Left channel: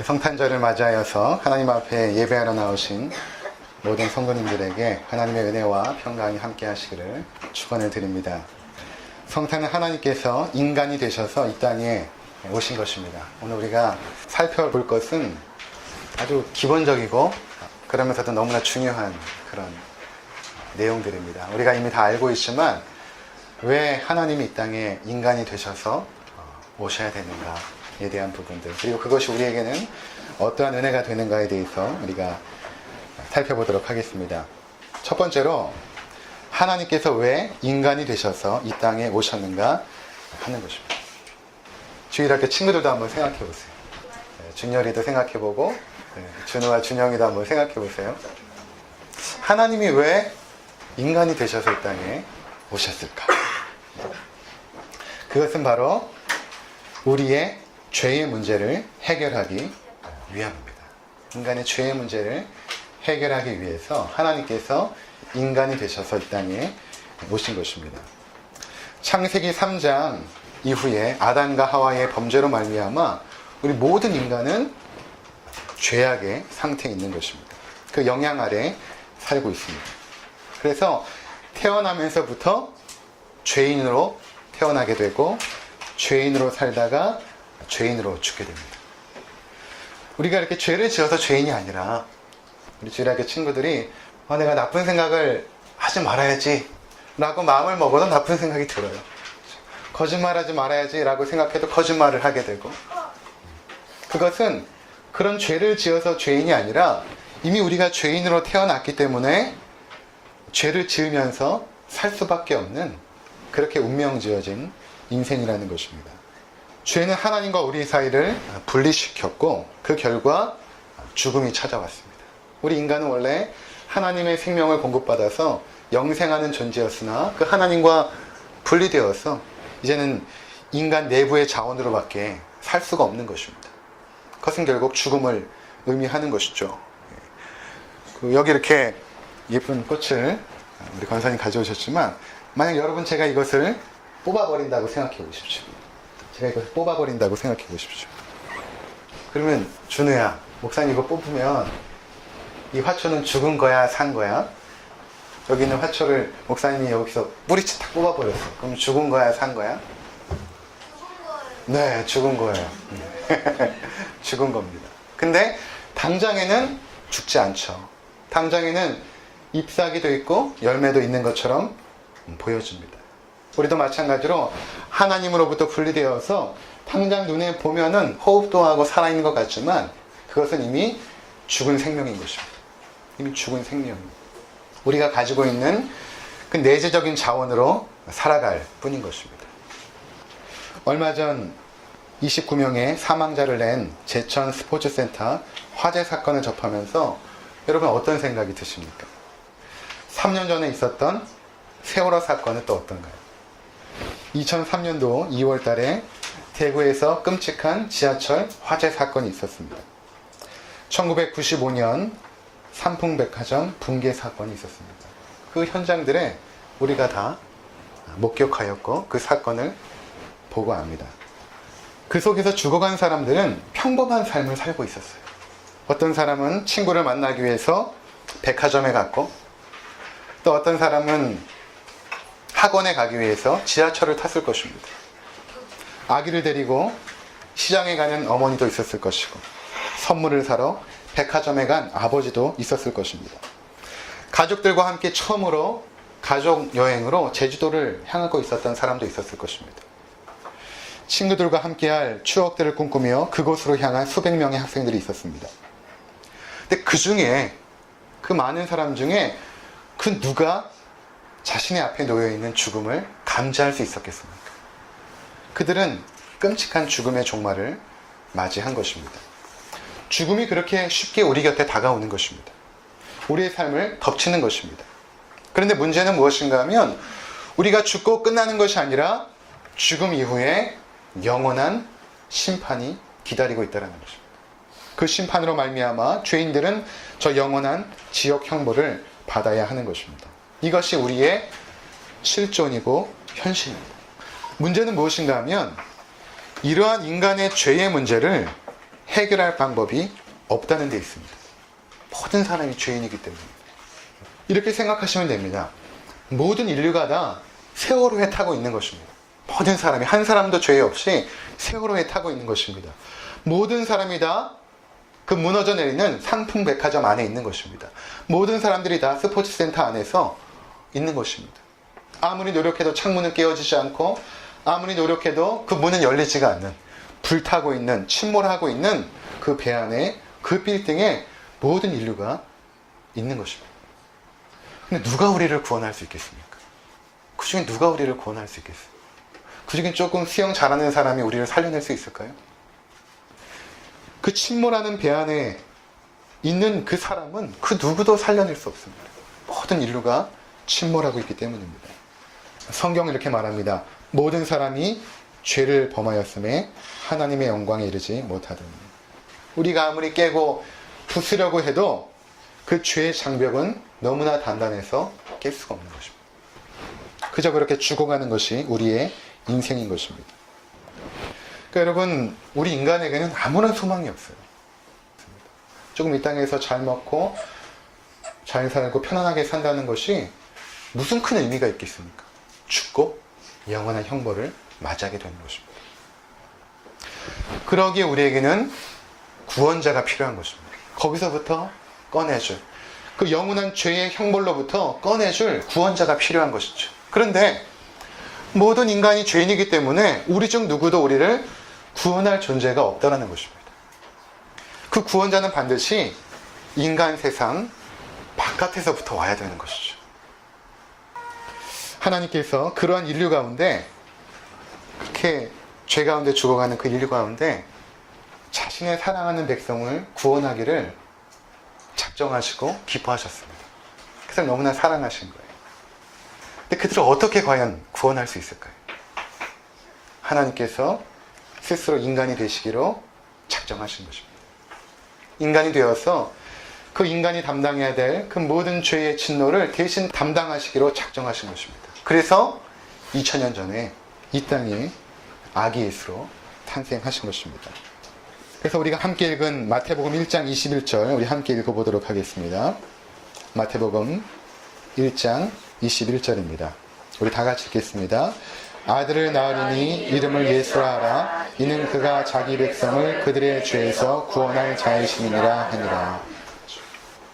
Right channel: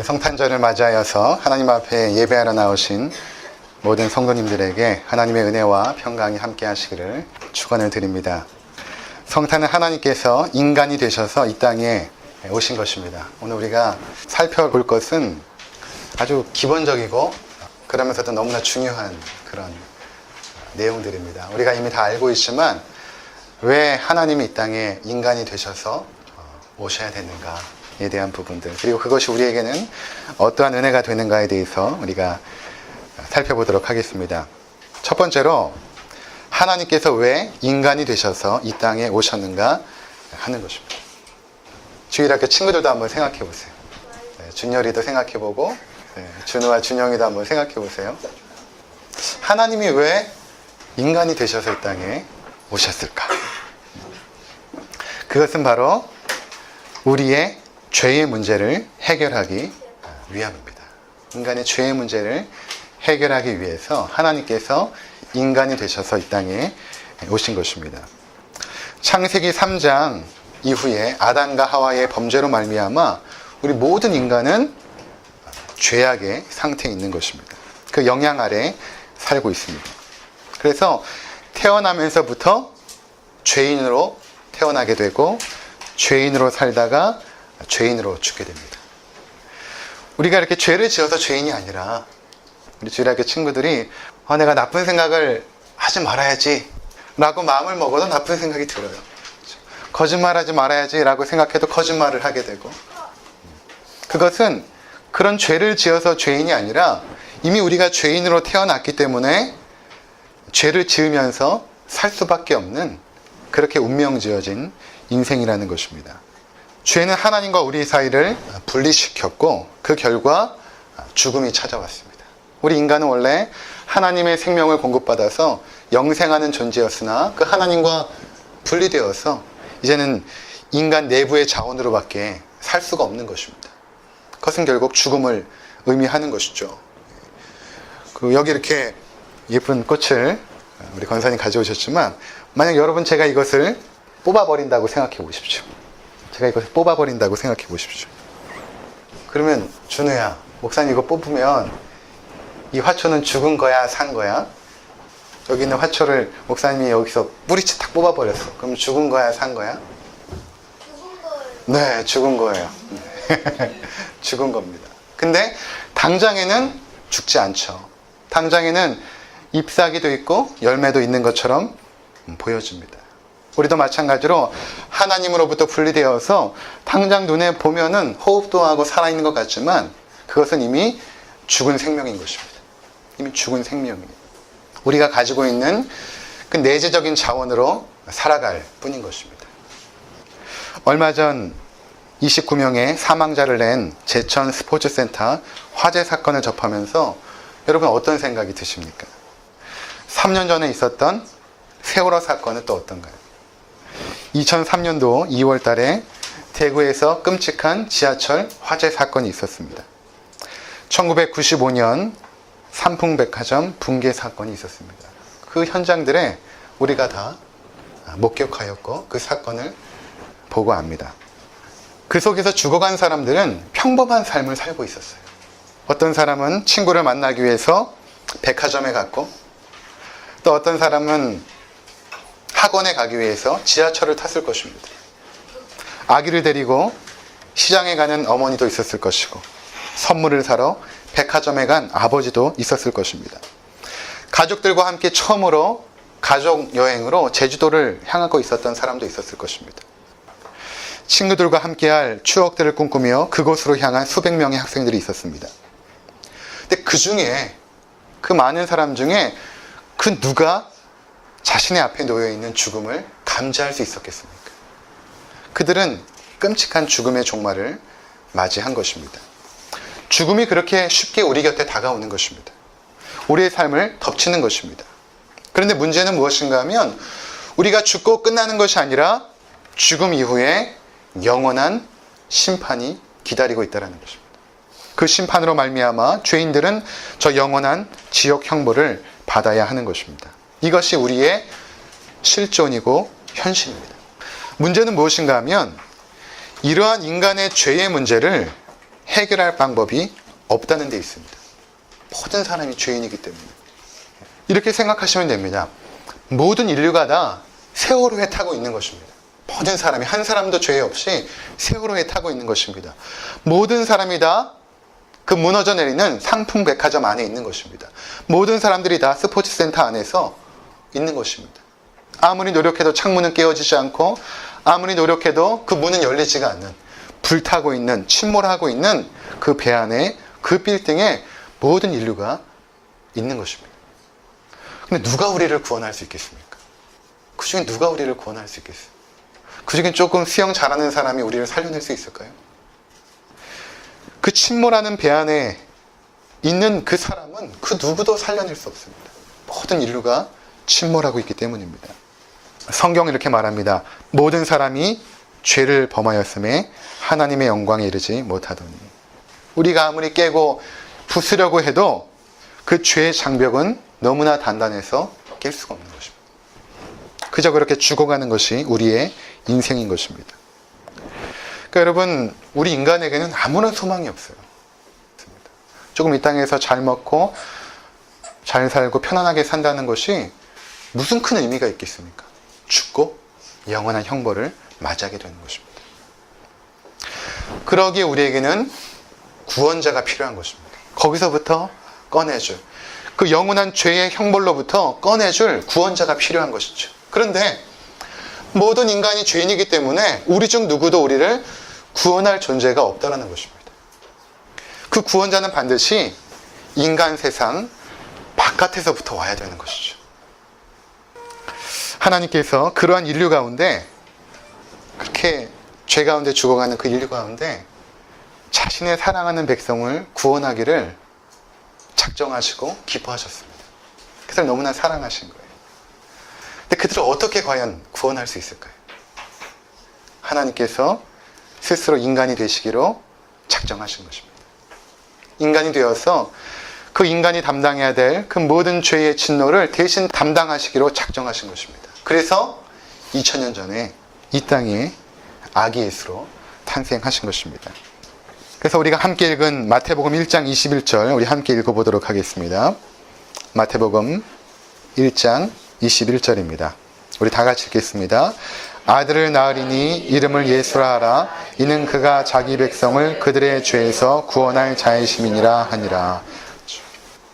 성탄절을 맞이하여서 하나님 앞에 예배하러 나오신 모든 성도님들에게 하나님의 은혜와 평강이 함께 하시기를 축원을 드립니다. 성탄은 하나님께서 인간이 되셔서 이 땅에 오신 것입니다. 오늘 우리가 살펴볼 것은 아주 기본적이고 그러면서도 너무나 중요한 그런 내용들입니다. 우리가 이미 다 알고 있지만 왜 하나님이 이 땅에 인간이 되셔서 오셔야 되는가에 대한 부분들, 그리고 그것이 우리에게는 어떠한 은혜가 되는가에 대해서 우리가 살펴보도록 하겠습니다. 첫 번째로 하나님께서 왜 인간이 되셔서 이 땅에 오셨는가 하는 것입니다. 주일학교 친구들도 한번 생각해 보세요. 준열이도 생각해 보고 준우와 준영이도 한번 생각해 보세요. 하나님이 왜 인간이 되셔서 이 땅에 오셨을까? 그것은 바로 우리의 죄의 문제를 해결하기 위함입니다. 인간의 죄의 문제를 해결하기 위해서 하나님께서 인간이 되셔서 이 땅에 오신 것입니다. 창세기 3장 이후에 아담과 하와의 범죄로 말미암아 우리 모든 인간은 죄악의 상태에 있는 것입니다. 그 영향 아래 살고 있습니다. 그래서 태어나면서부터 죄인으로 태어나게 되고 죄인으로 살다가 죄인으로 죽게 됩니다. 우리가 이렇게 죄를 지어서 죄인이 아니라 우리 주일학교 친구들이 내가 나쁜 생각을 하지 말아야지 라고 마음을 먹어도 나쁜 생각이 들어요. 거짓말하지 말아야지 라고 생각해도 거짓말을 하게 되고, 그것은 그런 죄를 지어서 죄인이 아니라 이미 우리가 죄인으로 태어났기 때문에 죄를 지으면서 살 수밖에 없는 그렇게 운명지어진 인생이라는 것입니다. 죄는 하나님과 우리 사이를 분리시켰고 그 결과 죽음이 찾아왔습니다. 우리 인간은 원래 하나님의 생명을 공급받아서 영생하는 존재였으나 그 하나님과 분리되어서 이제는 인간 내부의 자원으로밖에 살 수가 없는 것입니다. 그것은 결국 죽음을 의미하는 것이죠. 여기 이렇게 예쁜 꽃을 우리 권사님 가져오셨지만, 만약 여러분 제가 이것을 뽑아버린다고 생각해 보십시오. 제가 이것을 뽑아버린다고 생각해 보십시오. 그러면 준우야, 목사님 이거 뽑으면 이 화초는 죽은 거야, 산 거야? 여기 있는 화초를 목사님이 여기서 뿌리채 탁 뽑아버렸어. 그럼 죽은 거야, 산 거야? 죽은 거예요. 네, 죽은 거예요. 죽은 겁니다. 근데 당장에는 죽지 않죠. 당장에는 잎사귀도 있고 열매도 있는 것처럼 보여집니다. 우리도 마찬가지로 하나님으로부터 분리되어서 당장 눈에 보면은 호흡도 하고 살아있는 것 같지만 그것은 이미 죽은 생명인 것입니다. 이미 죽은 생명이에요. 우리가 가지고 있는 그 내재적인 자원으로 살아갈 뿐인 것입니다. 얼마 전 29명의 사망자를 낸 제천 스포츠센터 화재 사건을 접하면서 여러분 어떤 생각이 드십니까? 3년 전에 있었던 세월호 사건은 또 어떤가요? 2003년도 2월 달에 대구에서 끔찍한 지하철 화재 사건이 있었습니다. 1995년 삼풍백화점 붕괴 사건이 있었습니다. 그 현장들에 우리가 다 목격하였고 그 사건을 보고 압니다. 그 속에서 죽어간 사람들은 평범한 삶을 살고 있었어요. 어떤 사람은 친구를 만나기 위해서 백화점에 갔고, 또 어떤 사람은 학원에 가기 위해서 지하철을 탔을 것입니다. 아기를 데리고 시장에 가는 어머니도 있었을 것이고, 선물을 사러 백화점에 간 아버지도 있었을 것입니다. 가족들과 함께 처음으로 가족 여행으로 제주도를 향하고 있었던 사람도 있었을 것입니다. 친구들과 함께할 추억들을 꿈꾸며 그곳으로 향한 수백 명의 학생들이 있었습니다. 근데 그 중에, 그 많은 사람 중에 그 누가 자신의 앞에 놓여있는 죽음을 감지할 수 있었겠습니까? 그들은 끔찍한 죽음의 종말을 맞이한 것입니다. 죽음이 그렇게 쉽게 우리 곁에 다가오는 것입니다. 우리의 삶을 덮치는 것입니다. 그런데 문제는 무엇인가 하면 우리가 죽고 끝나는 것이 아니라 죽음 이후에 영원한 심판이 기다리고 있다는 것입니다. 그 심판으로 말미암아 죄인들은 저 영원한 지옥 형벌을 받아야 하는 것입니다. 이것이 우리의 실존이고 현실입니다. 문제는 무엇인가 하면 이러한 인간의 죄의 문제를 해결할 방법이 없다는 데 있습니다. 모든 사람이 죄인이기 때문에. 이렇게 생각하시면 됩니다. 모든 인류가 다 세월호에 타고 있는 것입니다. 모든 사람이 한 사람도 죄 없이 세월호에 타고 있는 것입니다. 모든 사람이 다 그 무너져 내리는 상품 백화점 안에 있는 것입니다. 모든 사람들이 다 스포츠센터 안에서 있는 것입니다. 아무리 노력해도 창문은 깨어지지 않고 아무리 노력해도 그 문은 열리지가 않는, 불타고 있는, 침몰하고 있는 그 배 안에, 그 빌딩에 모든 인류가 있는 것입니다. 근데 누가 우리를 구원할 수 있겠습니까? 그 중에 누가 우리를 구원할 수 있겠어요? 그 중에 조금 수영 잘하는 사람이 우리를 살려낼 수 있을까요? 그 침몰하는 배 안에 있는 그 사람은 그 누구도 살려낼 수 없습니다. 모든 인류가 침몰하고 있기 때문입니다. 성경은 이렇게 말합니다. 모든 사람이 죄를 범하였음에 하나님의 영광에 이르지 못하더니. 우리가 아무리 깨고 부수려고 해도 그 죄의 장벽은 너무나 단단해서 깰 수가 없는 것입니다. 그저 그렇게 죽어가는 것이 우리의 인생인 것입니다. 그러니까 여러분, 우리 인간에게는 아무런 소망이 없어요. 조금 이 땅에서 잘 먹고 잘 살고 편안하게 산다는 것이 무슨 큰 의미가 있겠습니까? 죽고 영원한 형벌을 맞이하게 되는 것입니다. 그러기에 우리에게는 구원자가 필요한 것입니다. 거기서부터 꺼내줄, 그 영원한 죄의 형벌로부터 꺼내줄 구원자가 필요한 것이죠. 그런데 모든 인간이 죄인이기 때문에 우리 중 누구도 우리를 구원할 존재가 없다라는 것입니다. 그 구원자는 반드시 인간 세상 바깥에서부터 와야 되는 것이죠. 하나님께서 그러한 인류 가운데, 그렇게 죄 가운데 죽어가는 그 인류 가운데 자신의 사랑하는 백성을 구원하기를 작정하시고 기뻐하셨습니다. 그들을 너무나 사랑하신 거예요. 근데 그들을 어떻게 과연 구원할 수 있을까요? 하나님께서 스스로 인간이 되시기로 작정하신 것입니다. 인간이 되어서 그 인간이 담당해야 될 그 모든 죄의 진노를 대신 담당하시기로 작정하신 것입니다. 그래서 2000년 전에 이 땅에 아기 예수로 탄생하신 것입니다. 그래서 우리가 함께 읽은 마태복음 1장 21절 우리 함께 읽어보도록 하겠습니다. 마태복음 1장 21절입니다. 우리 다 같이 읽겠습니다. 아들을 낳으리니 이름을 예수라 하라. 이는 그가 자기 백성을 그들의 죄에서 구원할 자이심이니라 하니라.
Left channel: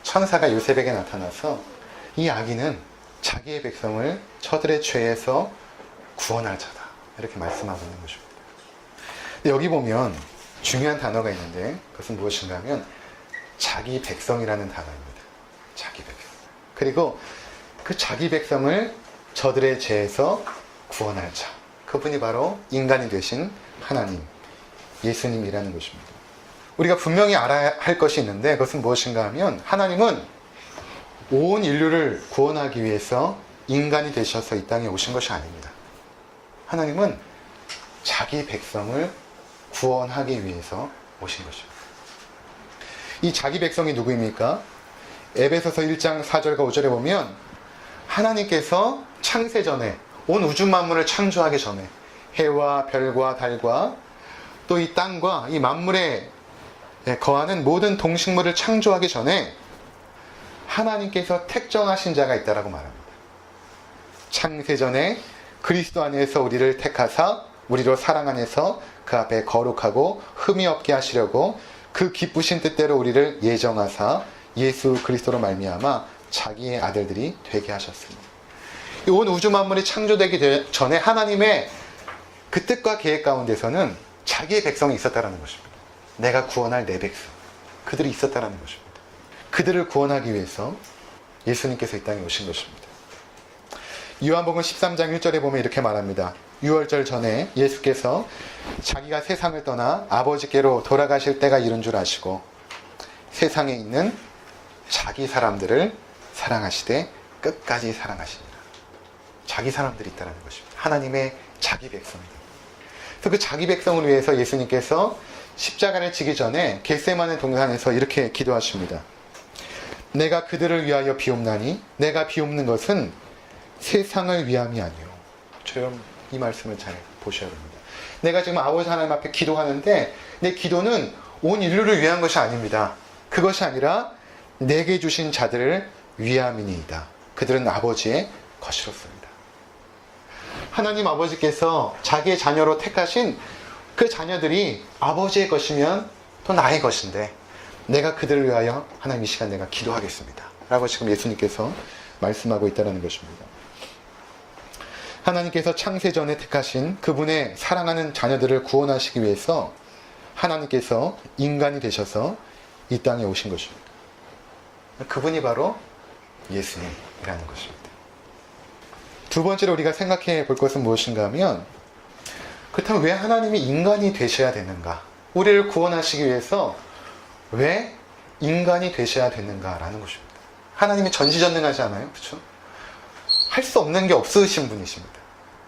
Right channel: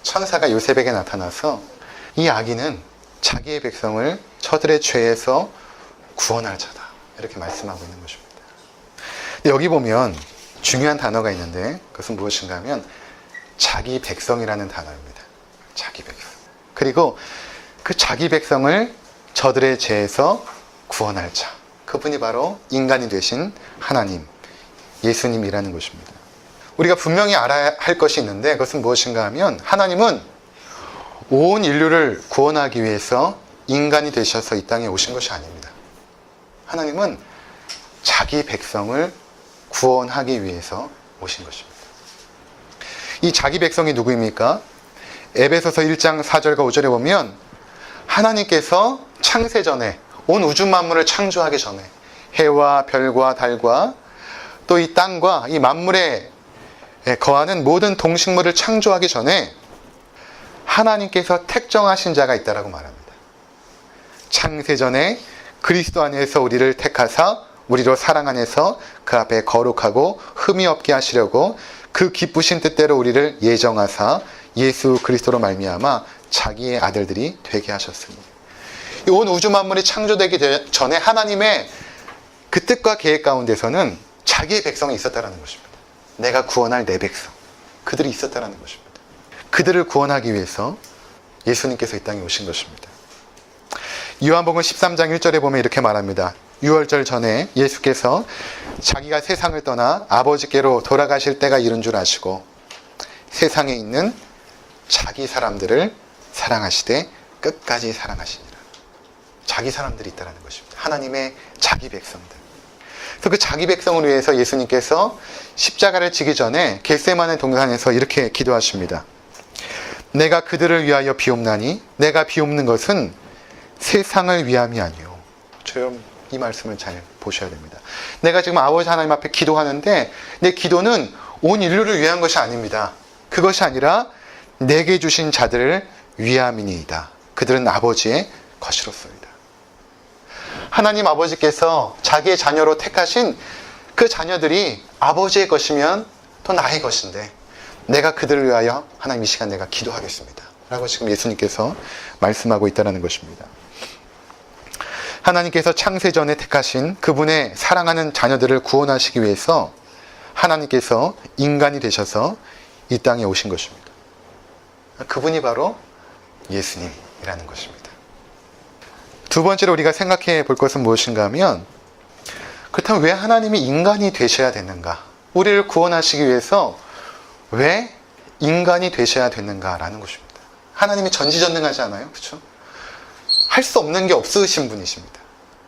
천사가 요셉에게 나타나서 이 아기는 자기의 백성을 저들의 죄에서 구원할 자다, 이렇게 말씀하고 있는 것입니다. 여기 보면 중요한 단어가 있는데 그것은 무엇인가 하면 자기 백성이라는 단어입니다. 자기 백성. 그리고 그 자기 백성을 저들의 죄에서 구원할 자, 그분이 바로 인간이 되신 하나님, 예수님이라는 것입니다. 우리가 분명히 알아야 할 것이 있는데 그것은 무엇인가 하면 하나님은 온 인류를 구원하기 위해서 인간이 되셔서 이 땅에 오신 것이 아닙니다. 하나님은 자기 백성을 구원하기 위해서 오신 것입니다. 이 자기 백성이 누구입니까? 에베소서 1장 4절과 5절에 보면 하나님께서 창세전에 온 우주 만물을 창조하기 전에 해와 별과 달과 또 이 땅과 이 만물에 거하는 모든 동식물을 창조하기 전에 하나님께서 택정하신 자가 있다라고 말합니다. 창세전에 그리스도 안에서 우리를 택하사 우리로 사랑 안에서 그 앞에 거룩하고 흠이 없게 하시려고 그 기쁘신 뜻대로 우리를 예정하사 예수 그리스도로 말미암아 자기의 아들들이 되게 하셨으니, 온 우주 만물이 창조되기 전에 하나님의 그 뜻과 계획 가운데서는 자기의 백성이 있었다라는 것입니다. 내가 구원할 내 백성, 그들이 있었다라는 것입니다. 그들을 구원하기 위해서 예수님께서 이 땅에 오신 것입니다. 요한복음 13장 1절에 보면 이렇게 말합니다. 유월절 전에 예수께서 자기가 세상을 떠나 아버지께로 돌아가실 때가 이른 줄 아시고 세상에 있는 자기 사람들을 사랑하시되 끝까지 사랑하시니라. 자기 사람들이 있다는 것입니다. 하나님의 자기 백성들. 그래서 그 자기 백성을 위해서 예수님께서 십자가를 지기 전에 겟세마네 동산에서 이렇게 기도하십니다. 내가 그들을 위하여 비옵나니 내가 비옵는 것은 세상을 위함이 아니요. 저는 이 말씀을 잘 보셔야 됩니다. 내가 지금 아버지 하나님 앞에 기도하는데 내 기도는 온 인류를 위한 것이 아닙니다. 그것이 아니라 내게 주신 자들을 위함이니이다. 그들은 아버지의 것이로소이다. 하나님 아버지께서 자기의 자녀로 택하신 그 자녀들이 아버지의 것이면 또 나의 것인데 내가 그들을 위하여 하나님 이 시간 내가 기도하겠습니다. 라고 지금 예수님께서 말씀하고 있다는 것입니다. 하나님께서 창세전에 택하신 그분의 사랑하는 자녀들을 구원하시기 위해서 하나님께서 인간이 되셔서 이 땅에 오신 것입니다. 그분이 바로 예수님이라는 것입니다. 두 번째로 우리가 생각해 볼 것은 무엇인가 하면 그렇다면 왜 하나님이 인간이 되셔야 되는가? 우리를 구원하시기 위해서 왜 인간이 되셔야 되는가라는 것입니다. 하나님이 전지전능하지 않아요? 그렇죠? 할 수 없는 게 없으신 분이십니다.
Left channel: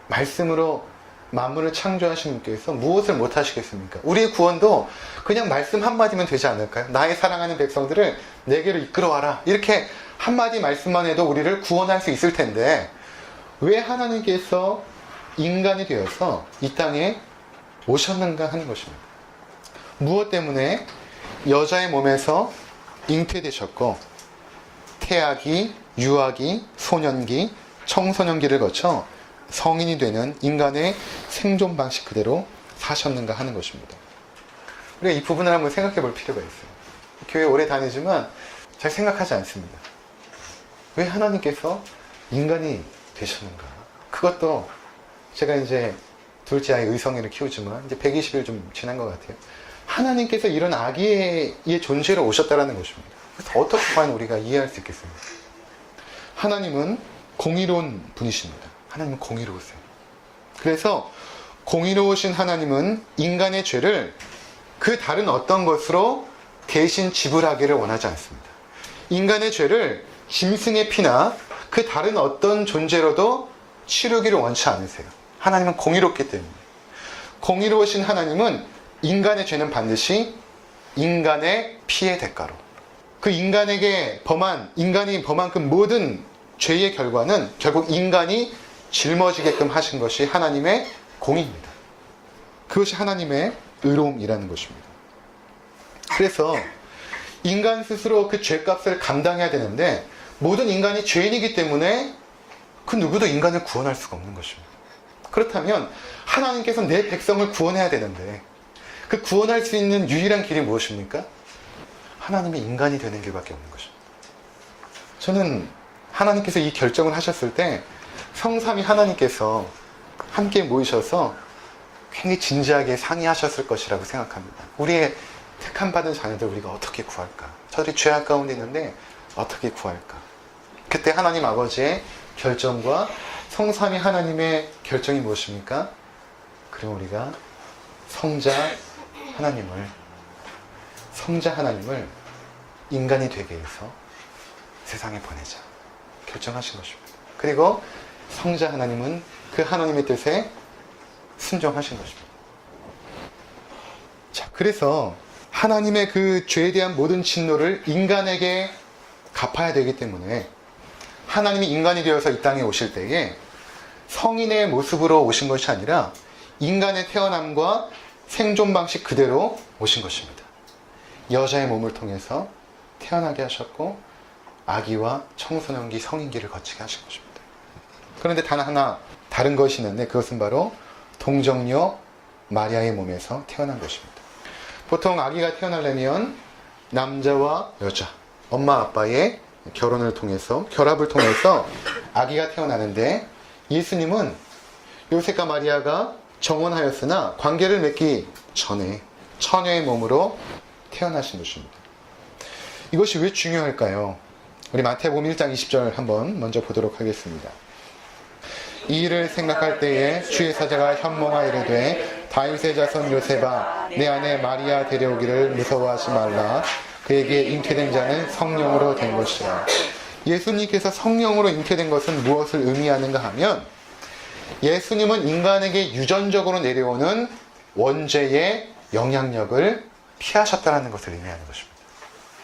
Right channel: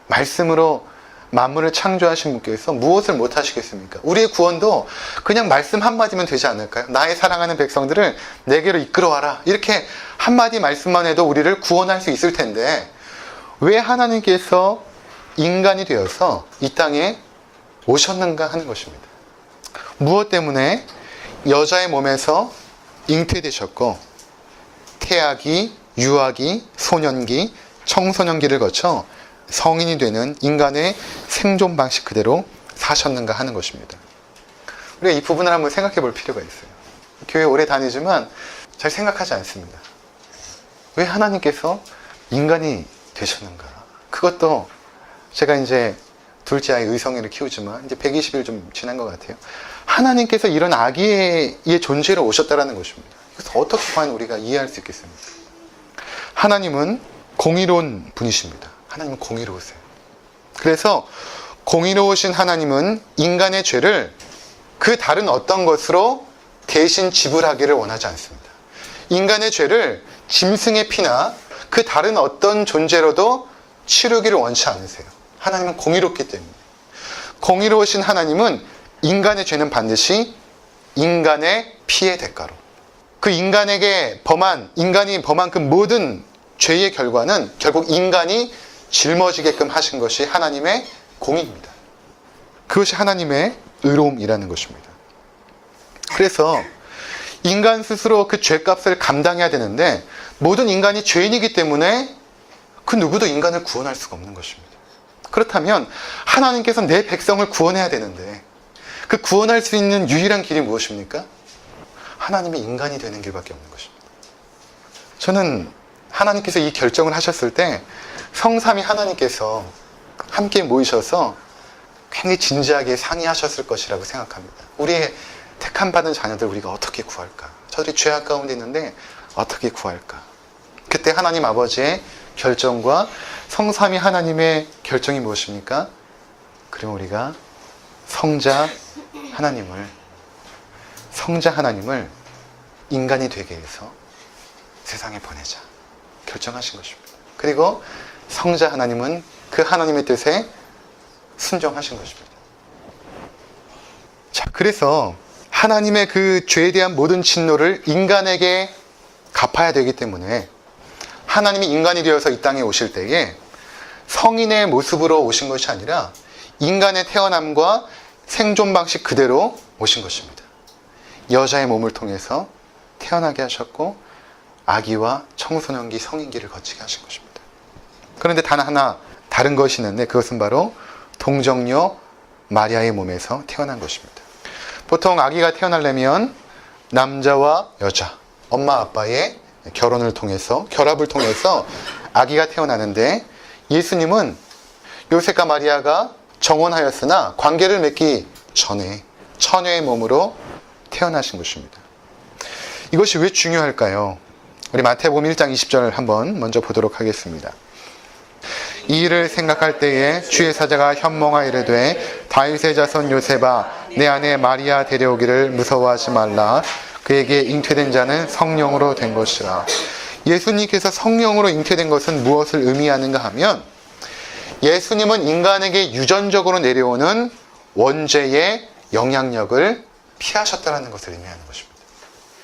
말씀으로 만물을 창조하신 분께서 무엇을 못하시겠습니까? 우리의 구원도 그냥 말씀 한마디면 되지 않을까요? 나의 사랑하는 백성들을 내게로 이끌어와라. 이렇게 한마디 말씀만 해도 우리를 구원할 수 있을 텐데 왜 하나님께서 인간이 되어서 이 땅에 오셨는가 하는 것입니다. 무엇 때문에 여자의 몸에서 잉태되셨고 태아기, 유아기, 소년기, 청소년기를 거쳐 성인이 되는 인간의 생존 방식 그대로 사셨는가 하는 것입니다. 우리가 이 부분을 한번 생각해 볼 필요가 있어요. 교회 오래 다니지만 잘 생각하지 않습니다. 왜 하나님께서 인간이 되셨는가? 그것도 제가 이제 둘째 아이 의성이를 키우지만 이제 120일 좀 지난 것 같아요. 하나님께서 이런 아기의 존재로 오셨다는 것입니다. 그래서 어떻게 과연 우리가 이해할 수 있겠습니까? 하나님은 공의로운 분이십니다. 하나님은 공의로우세요. 그래서 공의로우신 하나님은 인간의 죄를 그 다른 어떤 것으로 대신 지불하기를 원하지 않습니다. 인간의 죄를 짐승의 피나 그 다른 어떤 존재로도 치르기를 원치 않으세요. 하나님은 공의롭기 때문에. 공의로우신 하나님은 인간의 죄는 반드시 인간의 피의 대가로 그 인간이 범한 그 모든 죄의 결과는 결국 인간이 짊어지게끔 하신 것이 하나님의 공의입니다. 그것이 하나님의 의로움이라는 것입니다. 그래서 인간 스스로 그 죄값을 감당해야 되는데 모든 인간이 죄인이기 때문에 그 누구도 인간을 구원할 수가 없는 것입니다. 그렇다면 하나님께서 내 백성을 구원해야 되는데 그 구원할 수 있는 유일한 길이 무엇입니까? 하나님이 인간이 되는 길밖에 없는 것입니다. 저는 하나님께서 이 결정을 하셨을 때 성삼위 하나님께서 함께 모이셔서 굉장히 진지하게 상의하셨을 것이라고 생각합니다. 우리의 택함받은 자녀들 우리가 어떻게 구할까? 저들이 죄악 가운데 있는데 어떻게 구할까? 그때 하나님 아버지의 결정과 성삼위 하나님의 결정이 무엇입니까? 그럼 우리가 성자 하나님을 인간이 되게 해서 세상에 보내자 결정하신 것입니다. 그리고 성자 하나님은 그 하나님의 뜻에 순종하신 것입니다. 자, 그래서 하나님의 그 죄에 대한 모든 진노를 인간에게 갚아야 되기 때문에 하나님이 인간이 되어서 이 땅에 오실 때에 성인의 모습으로 오신 것이 아니라 인간의 태어남과 생존 방식 그대로 오신 것입니다. 여자의 몸을 통해서 태어나게 하셨고 아기와 청소년기, 성인기를 거치게 하신 것입니다. 그런데 단 하나 다른 것이 있는데 그것은 바로 동정녀 마리아의 몸에서 태어난 것입니다. 보통 아기가 태어나려면 남자와 여자, 엄마 아빠의 결합을 통해서 아기가 태어나는데 예수님은 요셉과 마리아가 정혼하였으나 관계를 맺기 전에 처녀의 몸으로 태어나신 것입니다. 이것이 왜 중요할까요? 우리 마태복음 1장 20절 한번 먼저 보도록 하겠습니다. 이 일을 생각할 때에 주의 사자가 현몽하 이르되 다윗의 자손 요셉아 내 아내 마리아 데려오기를 무서워하지 말라. 그에게 잉태된 자는 성령으로 된 것이라. 예수님께서 성령으로 잉태된 것은 무엇을 의미하는가 하면 예수님은 인간에게 유전적으로 내려오는 원죄의 영향력을 피하셨다는 것을 의미하는 것입니다.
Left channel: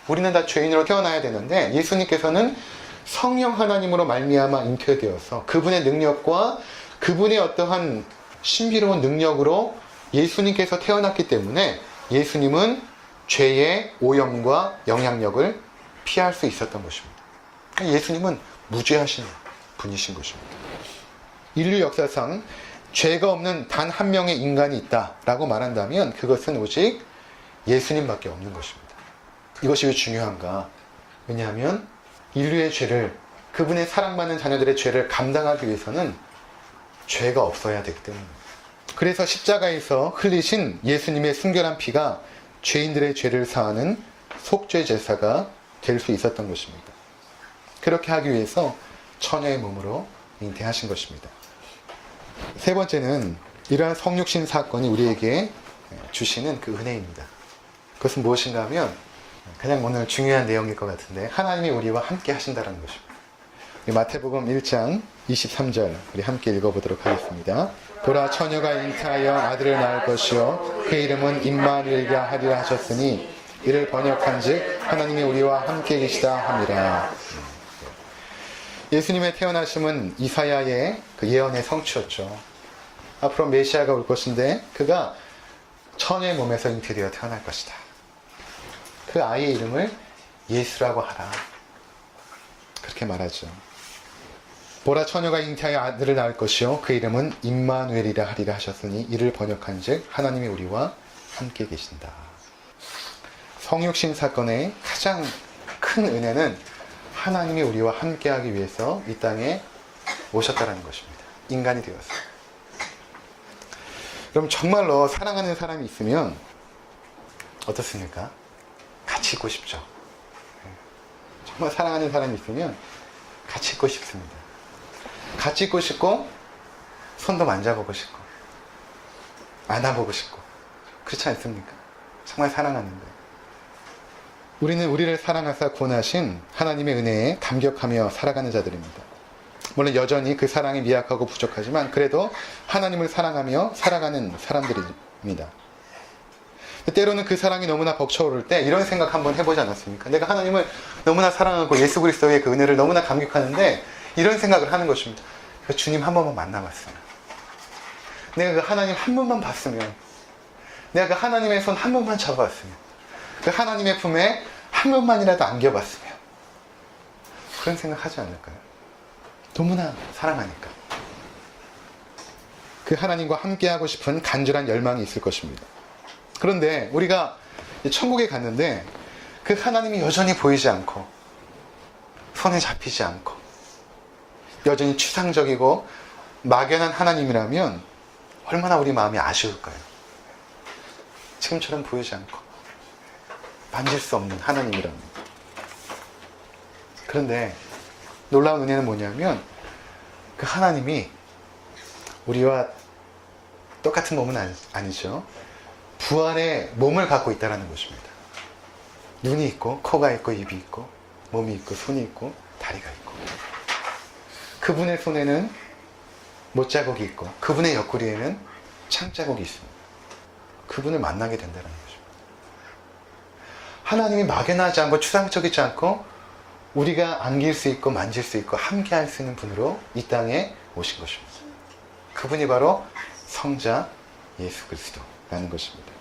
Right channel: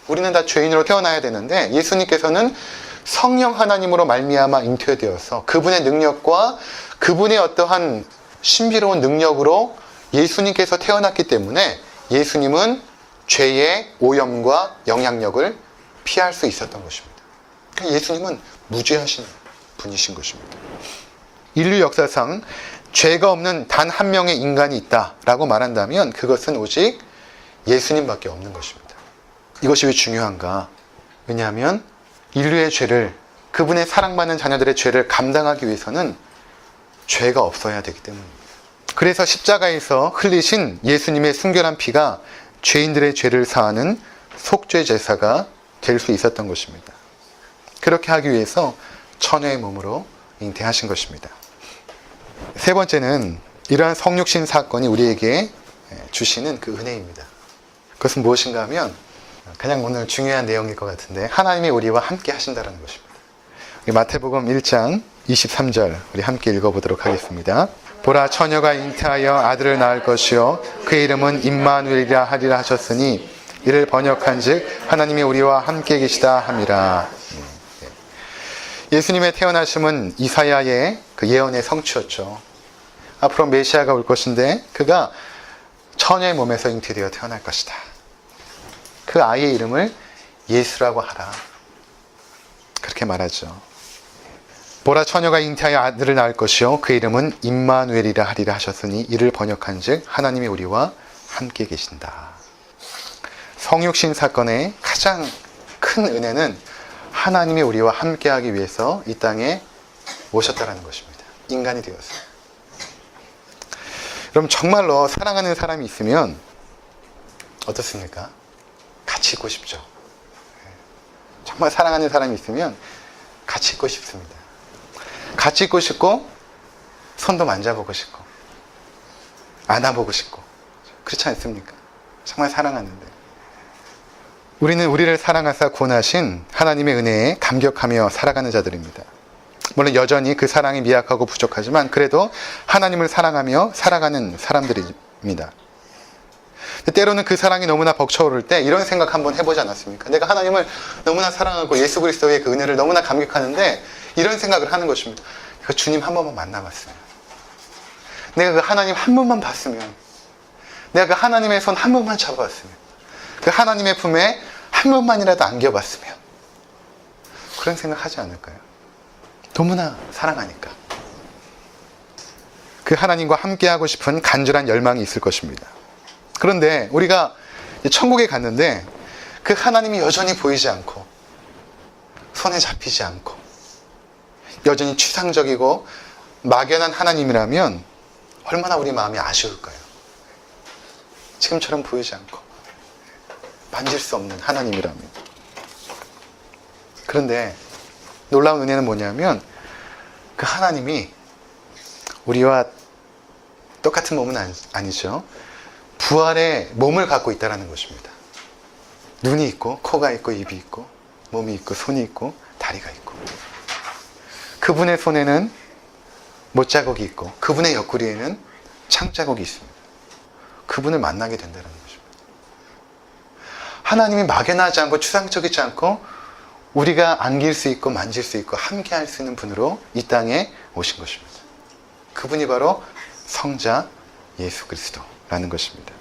우리는 다 죄인으로 태어나야 되는데 예수님께서는 성령 하나님으로 말미암아 잉태되어서 그분의 능력과 그분의 어떠한 신비로운 능력으로 예수님께서 태어났기 때문에 예수님은 죄의 오염과 영향력을 피할 수 있었던 것입니다. 예수님은 무죄하신 분이신 것입니다. 인류 역사상 죄가 없는 단 한 명의 인간이 있다라고 말한다면 그것은 오직 예수님밖에 없는 것입니다. 이것이 왜 중요한가? 왜냐하면 인류의 죄를, 그분의 사랑받는 자녀들의 죄를 감당하기 위해서는 죄가 없어야 되기 때문입니다. 그래서 십자가에서 흘리신 예수님의 순결한 피가 죄인들의 죄를 사하는 속죄 제사가 될 수 있었던 것입니다. 그렇게 하기 위해서 처녀의 몸으로 잉태하신 것입니다. 세 번째는 이러한 성육신 사건이 우리에게 주시는 그 은혜입니다. 그것은 무엇인가 하면 그냥 오늘 중요한 내용일 것 같은데 하나님이 우리와 함께 하신다는 것입니다. 마태복음 1장 23절 우리 함께 읽어보도록 하겠습니다. 보라 처녀가 잉태하여 아들을 낳을 것이요 그 이름은 임마누엘이라 하리라 하셨으니 이를 번역한즉 하나님이 우리와 함께 계시다 함이라. 예수님의 태어나심은 이사야의 그 예언의 성취였죠. 앞으로 메시아가 올 것인데 그가 처녀의 몸에서 잉태되어 태어날 것이다. 그 아이의 이름을 예수라고 하라. 그렇게 말하죠. 보라 처녀가 잉태하여 아들을 낳을 것이요 그 이름은 임마누엘이라 하리라 하셨으니 이를 번역한즉 하나님이 우리와 함께 계신다. 성육신 사건의 가장 큰 은혜는 하나님이 우리와 함께하기 위해서 이 땅에 오셨다는 것입니다. 인간이 되었어요. 그럼 정말로 사랑하는 사람이 있으면 어떻습니까? 같이 있고 싶죠. 정말 사랑하는 사람이 있으면 같이 있고 싶습니다. 같이 있고 싶고 손도 만져보고 싶고 안아보고 싶고 그렇지 않습니까? 정말 사랑하는데 우리는 우리를 사랑하사 구원하신 하나님의 은혜에 감격하며 살아가는 자들입니다. 물론 여전히 그 사랑이 미약하고 부족하지만 그래도 하나님을 사랑하며 살아가는 사람들입니다. 때로는 그 사랑이 너무나 벅차오를 때 이런 생각 한번 해보지 않았습니까? 내가 하나님을 너무나 사랑하고 예수 그리스도의 그 은혜를 너무나 감격하는데 이런 생각을 하는 것입니다. 주님 한 번만 만나봤으면, 내가 그 하나님 한 번만 봤으면, 내가 그 하나님의 손 한 번만 잡아봤으면, 그 하나님의 품에 한 번만이라도 안겨봤으면, 그런 생각 하지 않을까요? 너무나 사랑하니까. 그 하나님과 함께하고 싶은 간절한 열망이 있을 것입니다. 그런데 우리가 천국에 갔는데 그 하나님이 여전히 보이지 않고 손에 잡히지 않고 여전히 추상적이고 막연한 하나님이라면 얼마나 우리 마음이 아쉬울까요? 지금처럼 보이지 않고 만질 수 없는 하나님이라면. 그런데 놀라운 은혜는 뭐냐면 그 하나님이 우리와 똑같은 몸은 아니죠. 부활의 몸을 갖고 있다는 것입니다. 눈이 있고 코가 있고 입이 있고 몸이 있고 손이 있고 다리가 있고 그분의 손에는 못자국이 있고 그분의 옆구리에는 창자국이 있습니다. 그분을 만나게 된다는 것입니다. 하나님이 막연하지 않고 추상적이지 않고 우리가 안길 수 있고 만질 수 있고 함께할 수 있는 분으로 이 땅에 오신 것입니다. 그분이 바로 성자 예수 그리스도라는 것입니다.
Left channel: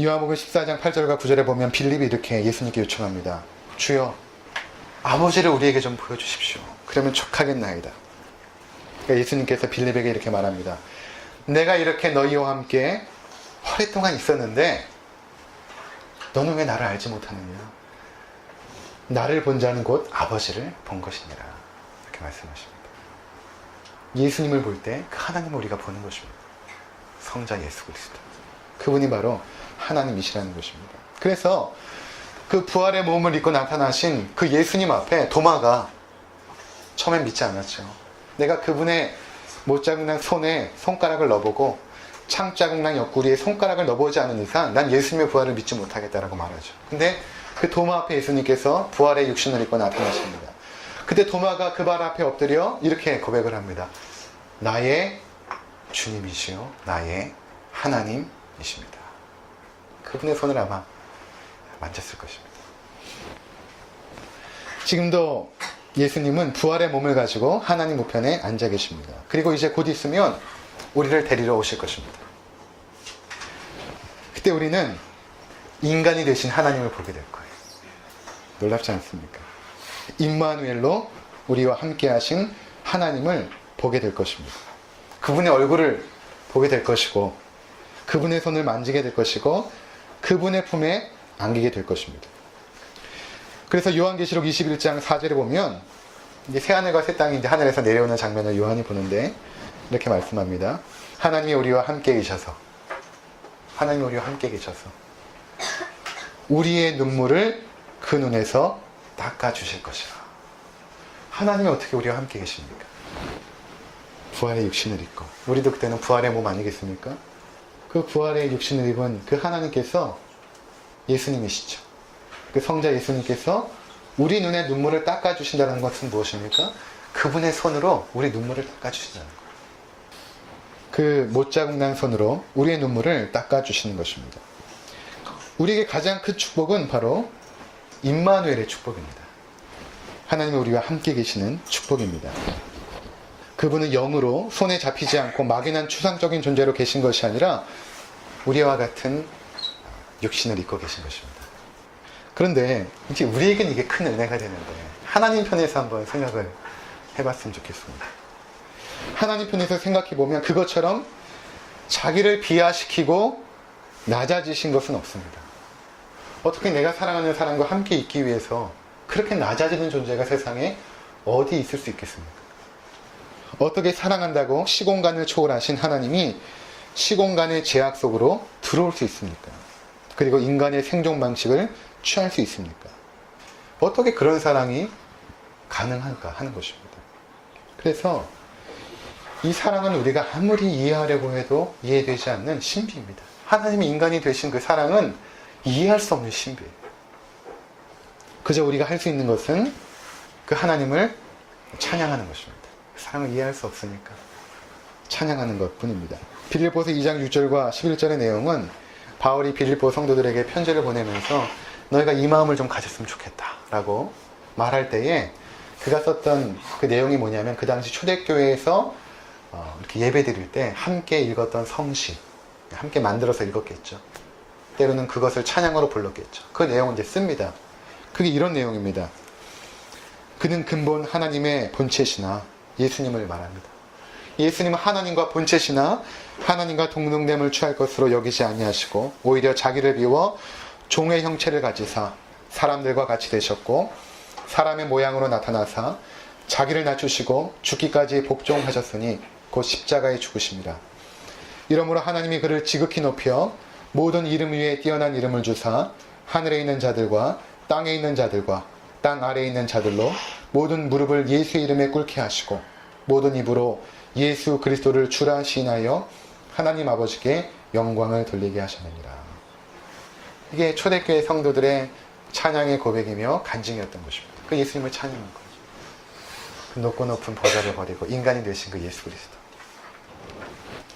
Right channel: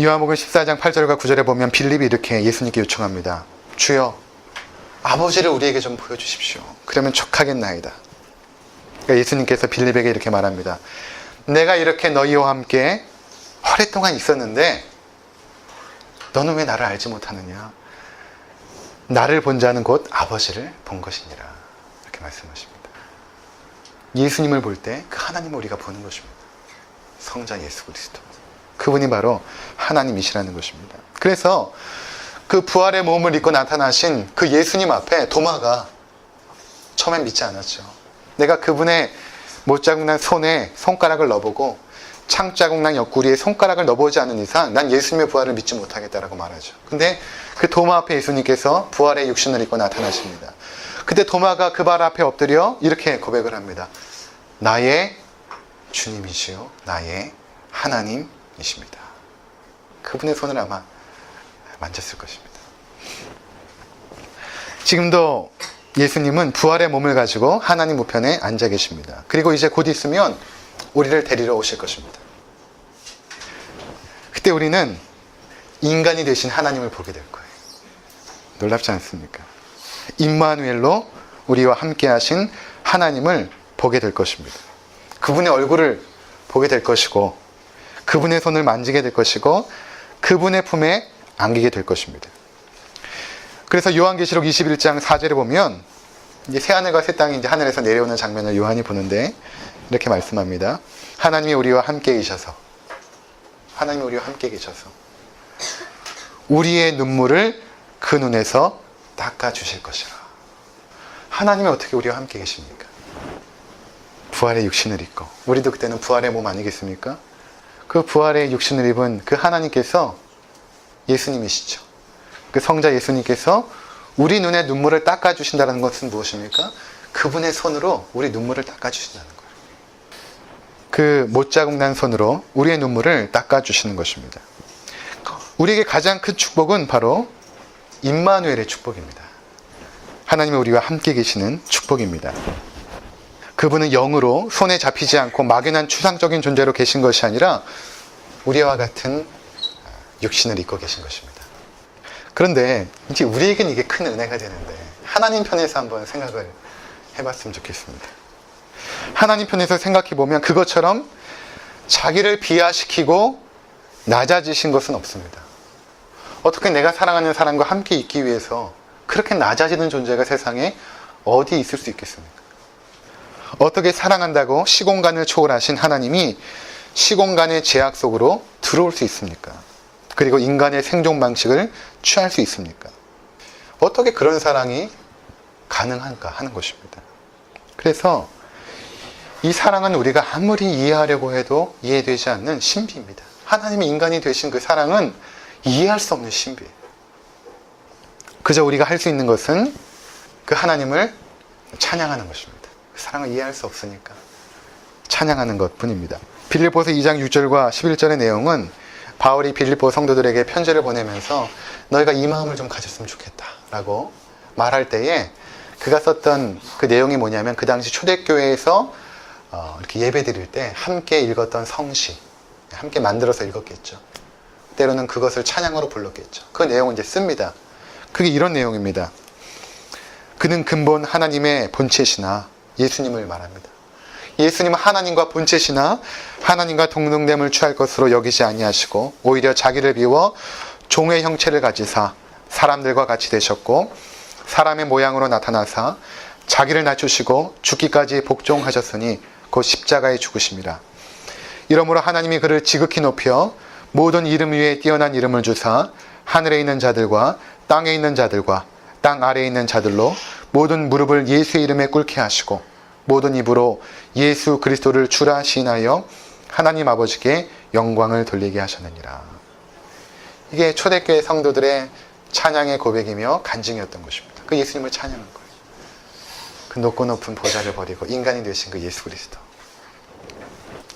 요한복음 14장 8절과 9절에 보면 빌립이 이렇게 예수님께 요청합니다. 주여 아버지를 우리에게 좀 보여주십시오. 그러면 족하겠나이다. 그러니까 예수님께서 빌립에게 이렇게 말합니다. 내가 이렇게 너희와 함께 오랫동안 있었는데 너는 왜 나를 알지 못하느냐? 나를 본 자는 곧 아버지를 본 것이니라. 이렇게 말씀하십니다. 예수님을 볼 때 그 하나님을 우리가 보는 것입니다. 성자 예수 그리스도. 그분이 바로 하나님이시라는 것입니다. 그래서 그 부활의 몸을 입고 나타나신 그 예수님 앞에 도마가 처음엔 믿지 않았죠. 내가 그분의 못자국 난 손에 손가락을 넣어보고 창자국 난 옆구리에 손가락을 넣어보지 않은 이상 난 예수님의 부활을 믿지 못하겠다라고 말하죠. 근데 그 도마 앞에 예수님께서 부활의 육신을 입고 나타나십니다. 그때 도마가 그 발 앞에 엎드려 이렇게 고백을 합니다. 나의 주님이시요 나의 하나님이십니다. 그분의 손을 아마 만졌을 것입니다. 지금도 예수님은 부활의 몸을 가지고 하나님 우편에 앉아 계십니다. 그리고 이제 곧 있으면 우리를 데리러 오실 것입니다. 그때 우리는 인간이 되신 하나님을 보게 될 거예요. 놀랍지 않습니까? 임마누엘로 우리와 함께 하신 하나님을 보게 될 것입니다. 그분의 얼굴을 보게 될 것이고, 그분의 손을 만지게 될 것이고, 그분의 품에 안기게 될 것입니다. 그래서 요한계시록 21장 4절에 보면 이제 새 하늘과 새 땅이 이제 하늘에서 내려오는 장면을 요한이 보는데 이렇게 말씀합니다. 하나님이 우리와 함께 계셔서, 하나님이 우리와 함께 계셔서 우리의 눈물을 그 눈에서 닦아주실 것이라. 하나님이 어떻게 우리와 함께 계십니까? 부활의 육신을 입고, 우리도 그때는 부활의 몸 아니겠습니까? 그 부활의 육신을 입은 그 하나님께서 예수님이시죠. 그 성자 예수님께서 우리 눈의 눈물을 닦아주신다는 것은 무엇입니까? 그분의 손으로 우리 눈물을 닦아주신다는 거예요. 그 못자국 난 손으로 우리의 눈물을 닦아주시는 것입니다. 우리에게 가장 큰 축복은 바로 임마누엘의 축복입니다. 하나님이 우리와 함께 계시는 축복입니다. 그분은 영으로 손에 잡히지 않고 막연한 추상적인 존재로 계신 것이 아니라 우리와 같은 육신을 입고 계신 것입니다. 그런데 이제 우리에겐 이게 큰 은혜가 되는데 하나님 편에서 한번 생각을 해봤으면 좋겠습니다. 하나님 편에서 생각해보면 그것처럼 자기를 비하시키고 낮아지신 것은 없습니다. 어떻게 내가 사랑하는 사람과 함께 있기 위해서 그렇게 낮아지는 존재가 세상에 어디 있을 수 있겠습니까? 어떻게 사랑한다고 시공간을 초월하신 하나님이 시공간의 제약 속으로 들어올 수 있습니까? 그리고 인간의 생존 방식을 취할 수 있습니까? 어떻게 그런 사랑이 가능한가 하는 것입니다. 그래서 이 사랑은 우리가 아무리 이해하려고 해도 이해되지 않는 신비입니다. 하나님이 인간이 되신 그 사랑은 이해할 수 없는 신비예요. 그저 우리가 할 수 있는 것은 그 하나님을 찬양하는 것입니다. 그 사랑을 이해할 수 없으니까 찬양하는 것뿐입니다. 빌립보서 2장 6절과 11절의 내용은 바울이 빌립보 성도들에게 편지를 보내면서 너희가 이 마음을 좀 가졌으면 좋겠다라고 말할 때에 그가 썼던 그 내용이 뭐냐면 그 당시 초대교회에서 이렇게 예배 드릴 때 함께 읽었던 성시, 함께 만들어서 읽었겠죠. 때로는 그것을 찬양으로 불렀겠죠. 그 내용을 이제 씁니다. 그게 이런 내용입니다. 그는 근본 하나님의 본체시나 예수님을 말합니다. 예수님은 하나님과 본체시나 하나님과 동등됨을 취할 것으로 여기지 아니하시고 오히려 자기를 비워 종의 형체를 가지사 사람들과 같이 되셨고 사람의 모양으로 나타나사 자기를 낮추시고 죽기까지 복종하셨으니 곧 십자가에 죽으심이라. 이러므로 하나님이 그를 지극히 높여 모든 이름 위에 뛰어난 이름을 주사 하늘에 있는 자들과 땅에 있는 자들과 땅 아래에 있는 자들로 모든 무릎을 예수의 이름에 꿇게 하시고 모든 입으로 예수 그리스도를 주라 시인하여 하나님 아버지께 영광을 돌리게 하셨느니라. 이게 초대교회 성도들의 찬양의 고백이며 간증이었던 것입니다. 그 예수님을 찬양한 거예요. 그 높고 높은 보좌를 버리고 인간이 되신 그 예수 그리스도.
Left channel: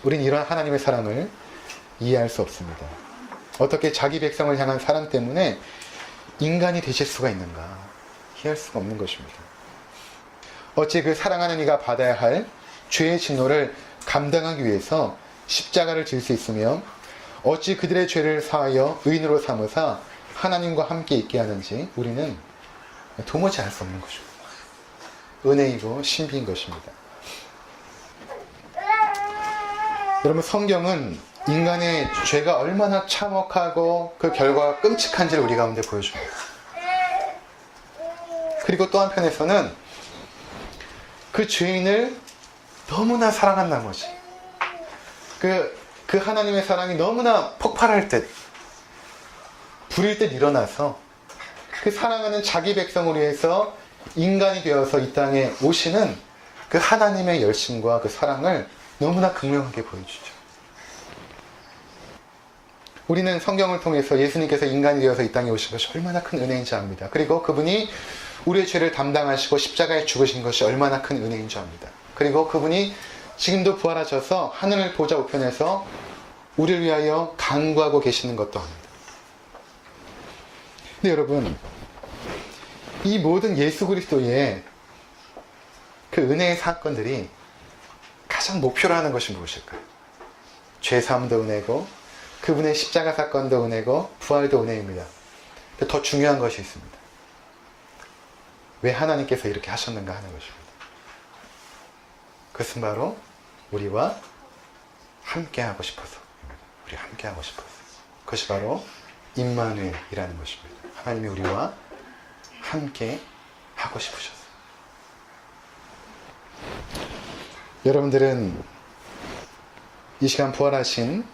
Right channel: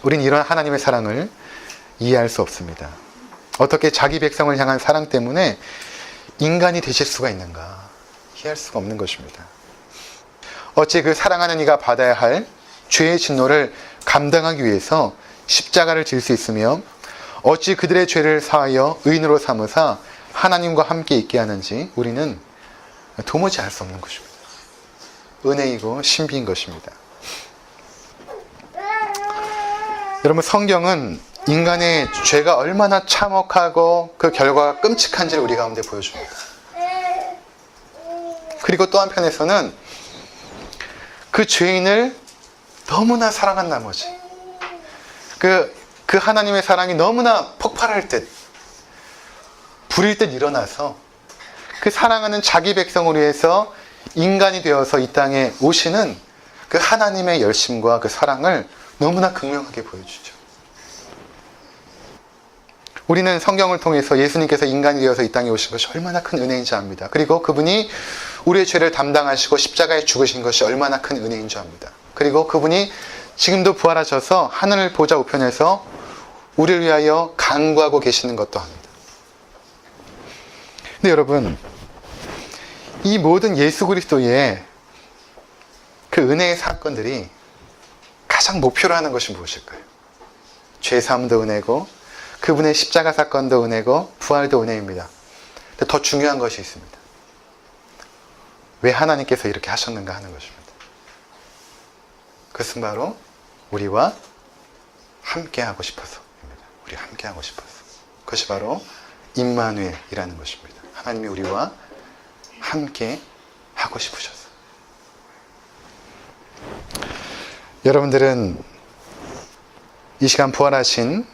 우린 이런 하나님의 사랑을 이해할 수 없습니다. 어떻게 자기 백성을 향한 사랑 때문에 인간이 되실 수가 있는가 이해할 수가 없는 것입니다. 어찌 그 사랑하는 이가 받아야 할 죄의 진노를 감당하기 위해서 십자가를 질 수 있으며 어찌 그들의 죄를 사하여 의인으로 삼으사 하나님과 함께 있게 하는지 우리는 도무지 알 수 없는 것입니다. 은혜이고 신비인 것입니다. 여러분, 성경은 인간의 죄가 얼마나 참혹하고 그 결과가 끔찍한지를 우리 가운데 보여줍니다. 그리고 또 한편에서는 그 죄인을 너무나 사랑한 나머지 그 하나님의 사랑이 너무나 폭발할 듯 불일 듯 일어나서 그 사랑하는 자기 백성을 위해서 인간이 되어서 이 땅에 오시는 그 하나님의 열심과 그 사랑을 너무나 극명하게 보여주죠. 우리는 성경을 통해서 예수님께서 인간이 되어서 이 땅에 오신 것이 얼마나 큰 은혜인지 압니다. 그리고 그분이 우리의 죄를 담당하시고 십자가에 죽으신 것이 얼마나 큰 은혜인 줄 압니다. 그리고 그분이 지금도 부활하셔서 하늘 보좌 우편에서 우리를 위하여 간구하고 계시는 것도 합니다. 근데 여러분, 이 모든 예수 그리스도의 그 은혜의 사건들이 가장 목표로 하는 것이 무엇일까요? 죄사함도 은혜고 그분의 십자가 사건도 은혜고 부활도 은혜입니다. 근데 더 중요한 것이 있습니다. 왜 하나님께서 이렇게 하셨는가 하는 것입니다. 그것은 바로 우리와 함께하고 싶어서입니다. 우리 함께하고 싶어서. 그것이 바로 임마누엘이라는 것입니다. 하나님이 우리와 함께 하고 싶으셔서. 여러분들은 이 시간 부활하신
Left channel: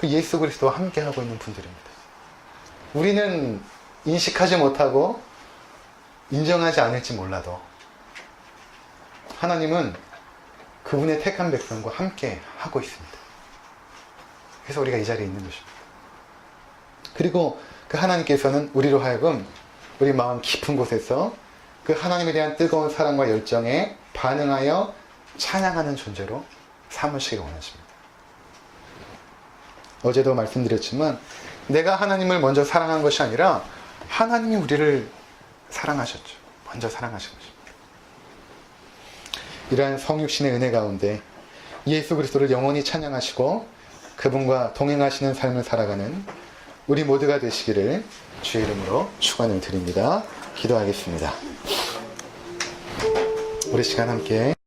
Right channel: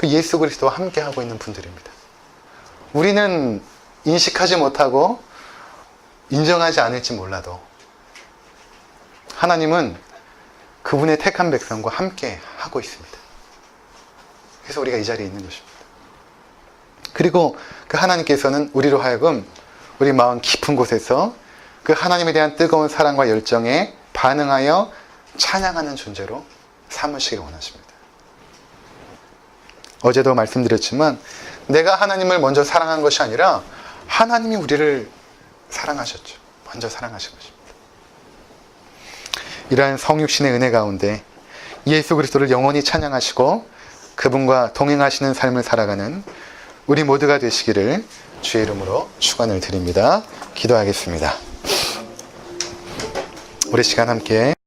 그 예수 그리스도와 함께 하고 있는 분들입니다. 우리는 인식하지 못하고 인정하지 않을지 몰라도 하나님은 그분의 택한 백성과 함께 하고 있습니다. 그래서 우리가 이 자리에 있는 것입니다. 그리고 그 하나님께서는 우리로 하여금 우리 마음 깊은 곳에서 그 하나님에 대한 뜨거운 사랑과 열정에 반응하여 찬양하는 존재로 삼으시기 원하십니다. 어제도 말씀드렸지만 내가 하나님을 먼저 사랑한 것이 아니라 하나님이 우리를 사랑하셨죠. 먼저 사랑하신 것입니다. 이러한 성육신의 은혜 가운데 예수 그리스도를 영원히 찬양하시고 그분과 동행하시는 삶을 살아가는 우리 모두가 되시기를 주의 이름으로 축원을 드립니다. 기도하겠습니다. 우리 시간 함께